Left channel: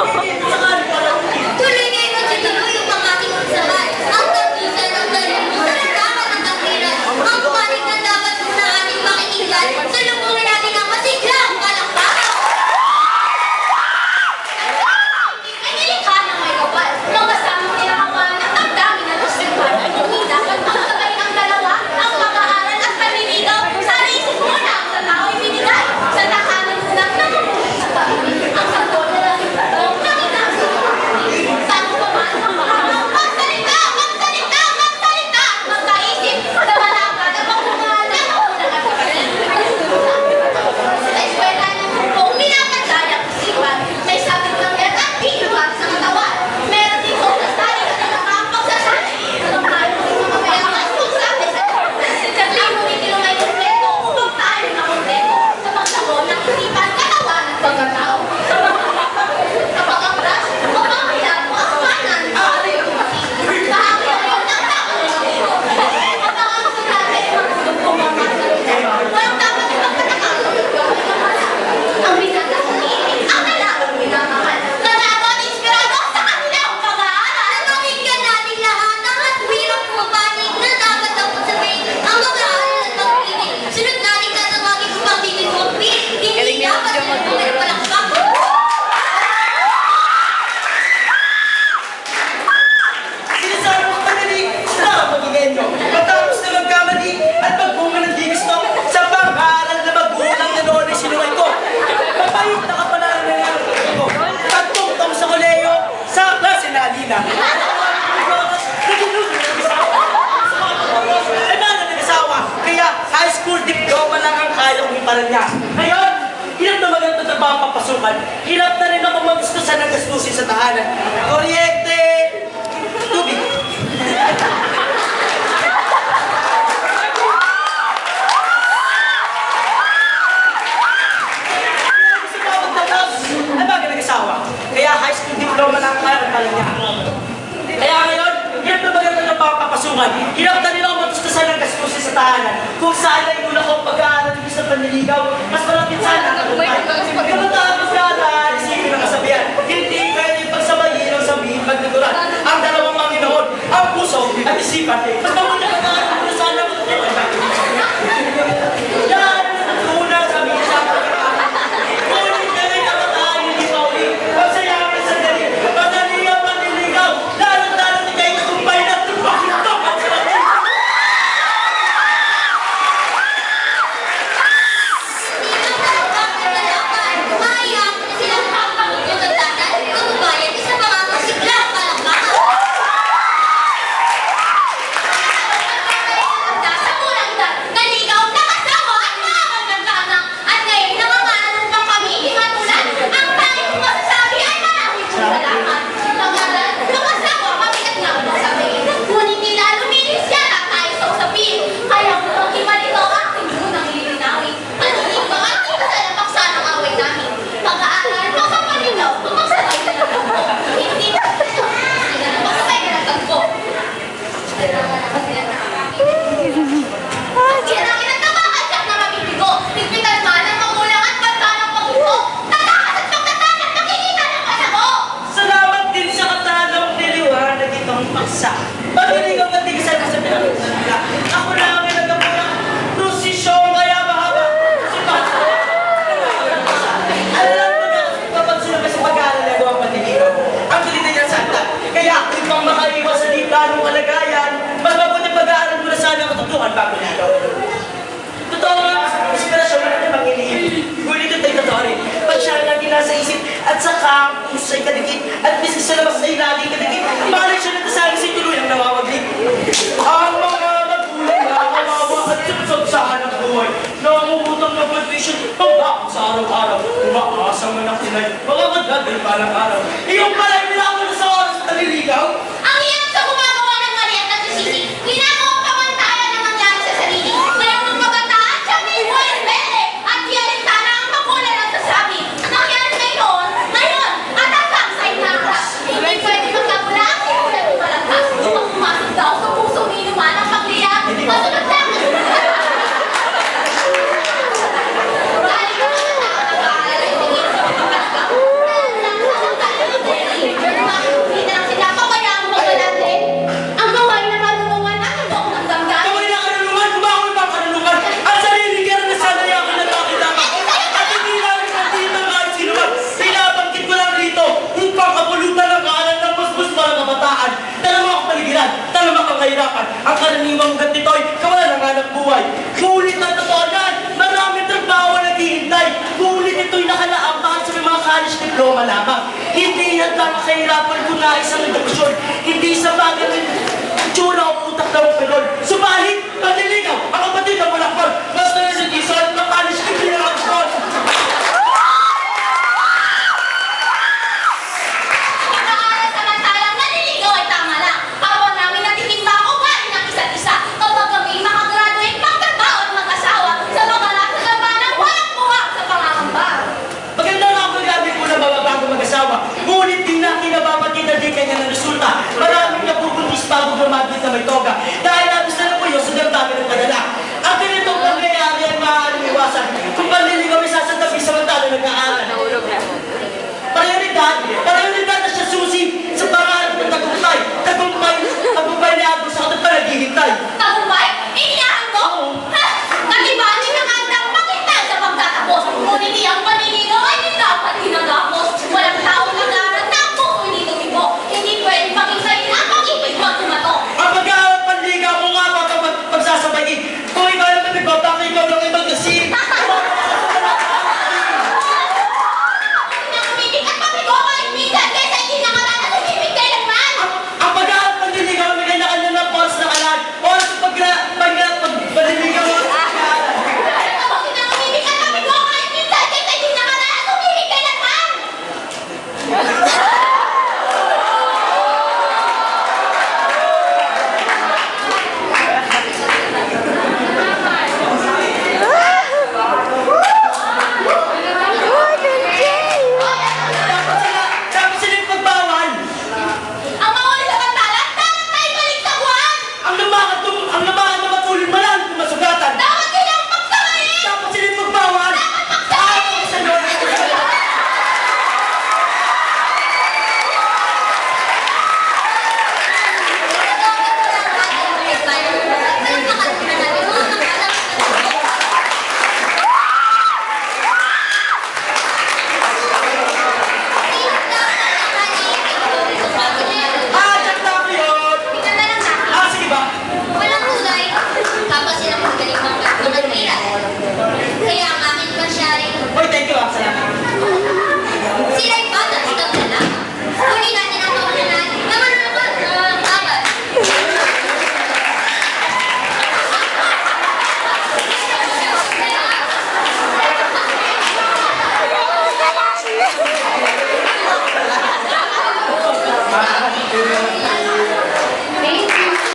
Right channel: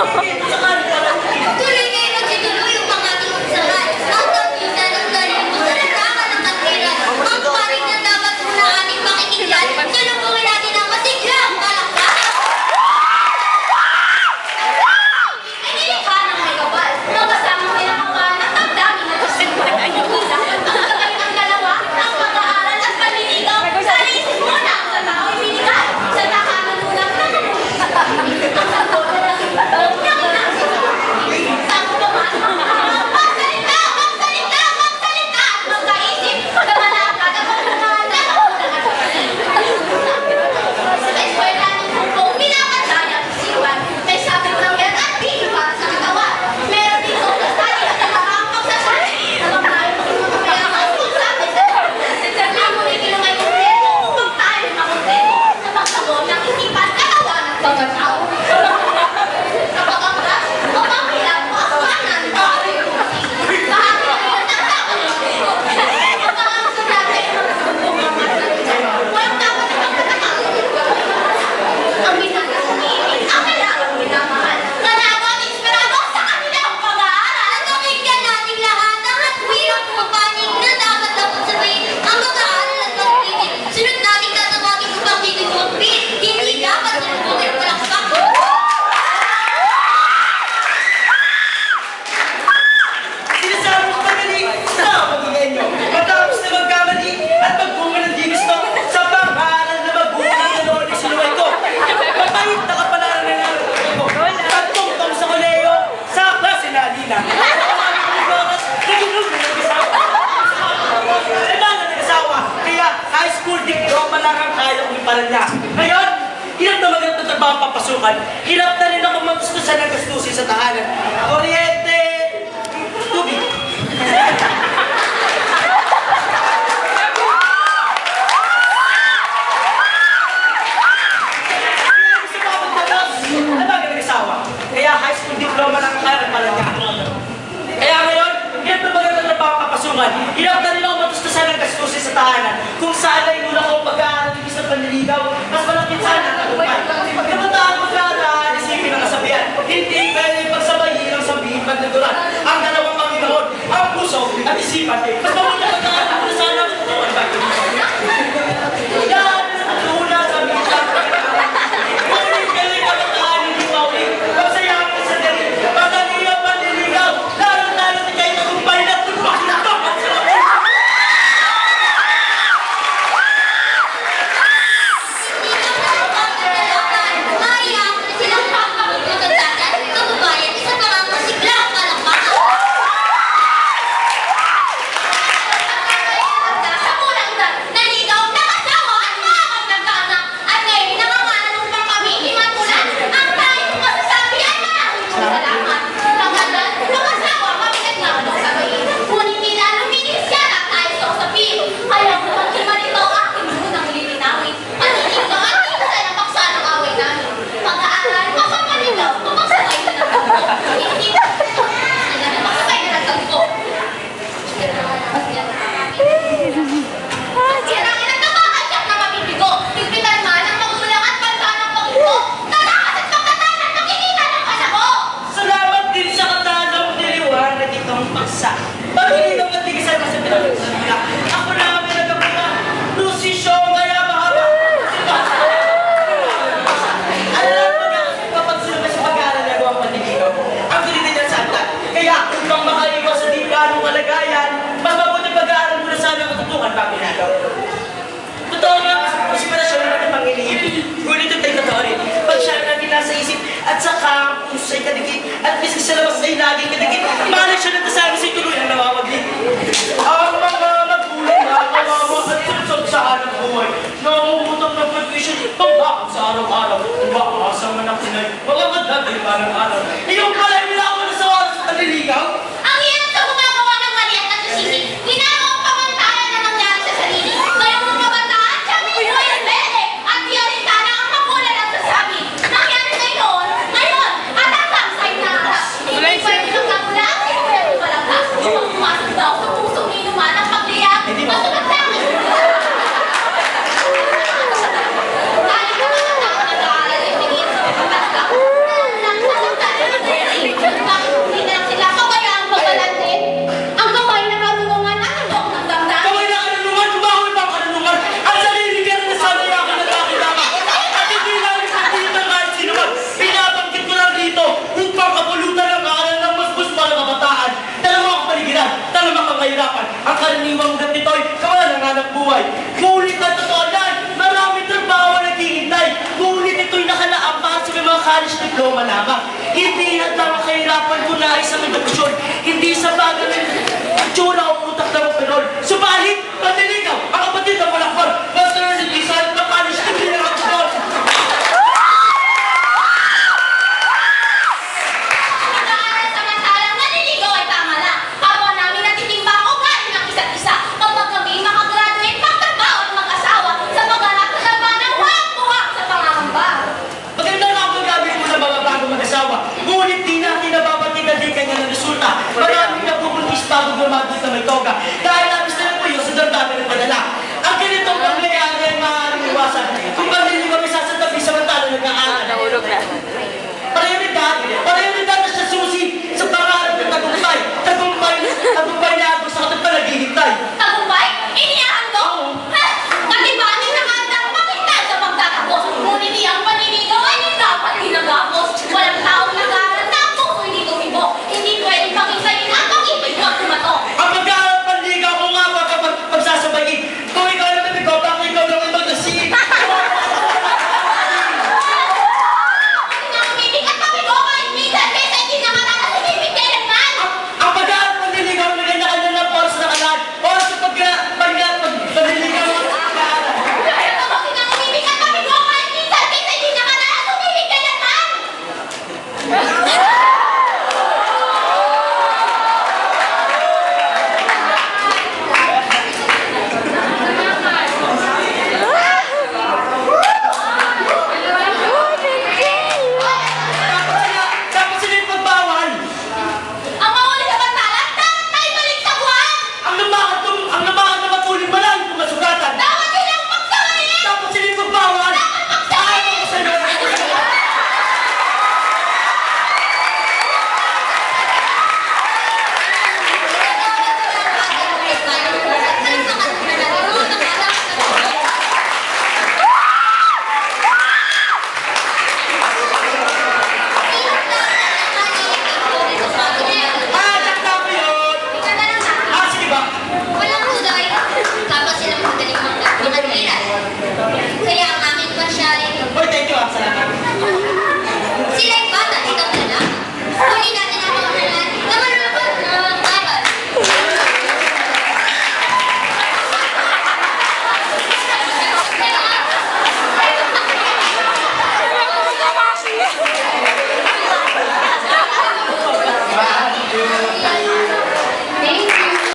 Saka ano pala? Tuloy kayo magtituloy yung pangating usapan. Ang tagyusan ng dalino sa larangan ng kantilan. Ang paring na dapat muna ating pakikinggan. Sulungkuhin natin ang masiglang palakpakan. Ay nilikha ng may kapal. Nang kasamang nilakapan at ang dami na tusirpan ay hindi dapat magkagay ang dalawa. Ang pag-aaral at panliligaw. Sana isip mo na ang tatao'y binigay. Sa tahanan mo lang nakamulit sa pamilya. Ang sagot na lang ito. Saan pa man magsalita! Magsalita! Magsalita! At magkaisip! Kamanagad ang magbungahan na magulang at kapatid. Sa eskwelahan ng grupong minapatay ang isipan. May sabit ng yan at piiwan sa katawan. Meron dito sa sali na ang pagsasali. Habang tayo maging mga mayaman kung sabi sa ang kumikilong ay kumpleto upang tayo makumpleto. Sa pagsagot ng isipan, katawan at pagkatao. Kapag ang ras o panghilang mo aswanan, maaari yung tumating. Bahagi na yun ang kakalimutin. Kapag ang sulat ay magtutugtog ang masalita, walang dapat ay magkatakang magtutugtog ang mala. Ang binata sa iibig, ang kailangang minamahal. Nanago at inspirado sa kanilang pag-aaral. Pakinggan natin lahat ang hatwirang pumapanig na dapat dapat sabihin ang mag-aaral at pag-ibig. Sunod natin tatawagin upang bigyan mo ang pin. Hindi dapat sinubukit palakpak. Sinasabi ko pagaling sa pagiging nyo. Matapos na magkamali at magbunga ng di gusto sa pang-aaral na magulang na noon ay sinuway ko. Mapahit na kapalaran na nararamdaman ko. Pagtungtong sa koleyo, sa klase na alina. Ay bala nag-asawa, kaya high school diploma lang ang kaya kong iparan niya. Ngayon, hirap na maganda trabaho papasukan. Hirap na rin ako magustusan ng gastusin sa tahanan. Kuryente, tubig. Kaya gusto ko magtatapos. Ay bagay nag-asawa, kaya high school diploma lang ang kaya kong iparan niya. Kaya ngayon, hirap na maganda trabaho papasukan. Hirap na rin ako matustusan ng gastusin sa tahanan. Kung saan ay una ko pag-aaral ng sa panliligaw, mas malapit sana ang tagumpay. Kabataan ko sana, isipin ang kasabihan. Hindi pwede pagsabayin ang sabihin pagnaguran. Ang dalawang Panginoon, ang puso at isipan. Mas mabuti pag-aaral ko na sana matutunan ba? Yan ang tunang sabihin sa pag-aaral. Ngunit galing kabataan, hindi mauling. Pagsayamin sa dali. Magaling ang panliligaw. Lalo-lalo na kayo tagumpay na tulpak-tulpak at sarapin. Maiyak na silang pagkakagatan, kababayan, isa pa nga masiglang palakpakan. Sa pulang dad, naligaw, nakasawa at nakakang nagkaanak. At ngayon, nangangalan upang kami imamulan. Ang tanging kong masasabi ay maraming salamat. Pag-aral, nakasawa kami nagnabot sa bayin. Ngunit tila luminis yan at tayo sa usapin. Kaya butang kimalito aking munang lilinawin. Paninigaw at isa na paksa ng away namin. Pag-aaral, mapapanigaw, mapagsabay na nagtagpo. Hindi na magsabay na nagtagpo. Sirangin at nakakadyak na mabibigo. Higpitan man ang magulang at banta ng pag-ito. Tatakas at pagkatan at makikita ng pasago. Salamat din sa katanong niliwanag itong paksa. Pag-iligaw at tigisan mo sa pinagkutan nila. Ako na ang nagkapula. Prosesyon kaya mahaba. Si Pasto. Alam magkakasipapagsunod na sa pag-aaral na gawang panliligaw. Ang tulitin niya sa atin. Kaya upang makaiwas sa di planong kalagayan, mas mabuti pag-aaral mo na sana ang katutuhan bago ligaw. Totoo nga, inspirasyon na natin pang-iniibig. Ngunit ito'y totoo rin. Pag siya ang lagi nasa isip at sa campus ay kadikit at miski sa labas ay lagi kadikit, mahalik siya na tasabi sa'y tuluyang nawawaglit. Ang mga magulang na kawawa at sunsod sa hanap buhay na umutang ng provision pambakot sa araw-araw. Umaasa man ang tinay, mga madagay parang araw. Iyong palay nila ako na sa oras at naliligaw. Ang hirap sa gumagawa ng mali at nagsisisi. Ginagawang pamantayan na nangyari sa sarili. Kaya ang kabataan, siya mismo ay rebelde. At yan rin sana ang magulang ang sasabi. Nangyari ngayon, at hanggang sa inaarap. Hindi pwede magkagulang, sinulat ni Malangkas. Upang pumasok daw sa pusong inuman ang pagliyak. Masunod lang ang Galing naman ang tao nag-aaral ay tingin sa mga palagaw. Nang college diploma lamang. Hindi handa makahirapan kung nais ang edukasyon. Hindi sa bagay ng itsura o utak na mapirol. Subalit, panliligaw, ang kapatid ng malakbal, basta yun hindi sa ng college diploma ako. Mag-aaral samantalang naniligaw ay tama lang. Kapwa namin natitimba ang ugali ng isa't isa. Kapag kami makagraduate, magtrabaho at mag-asawa sa mga ng walang buwak sa pangangamba. Maganda nga ang pag-amin po ng mga bago mag-asawa. Ngunit di natin nababatid na di kanya ng resulta. Maraming napupuntis bago gumagit na may toga. Dahil labis na po yun sa damdamin ng padala. Ang ganitong pangyayari ay maaaring iwasan. Kung panliligaw ay sasantabi samantala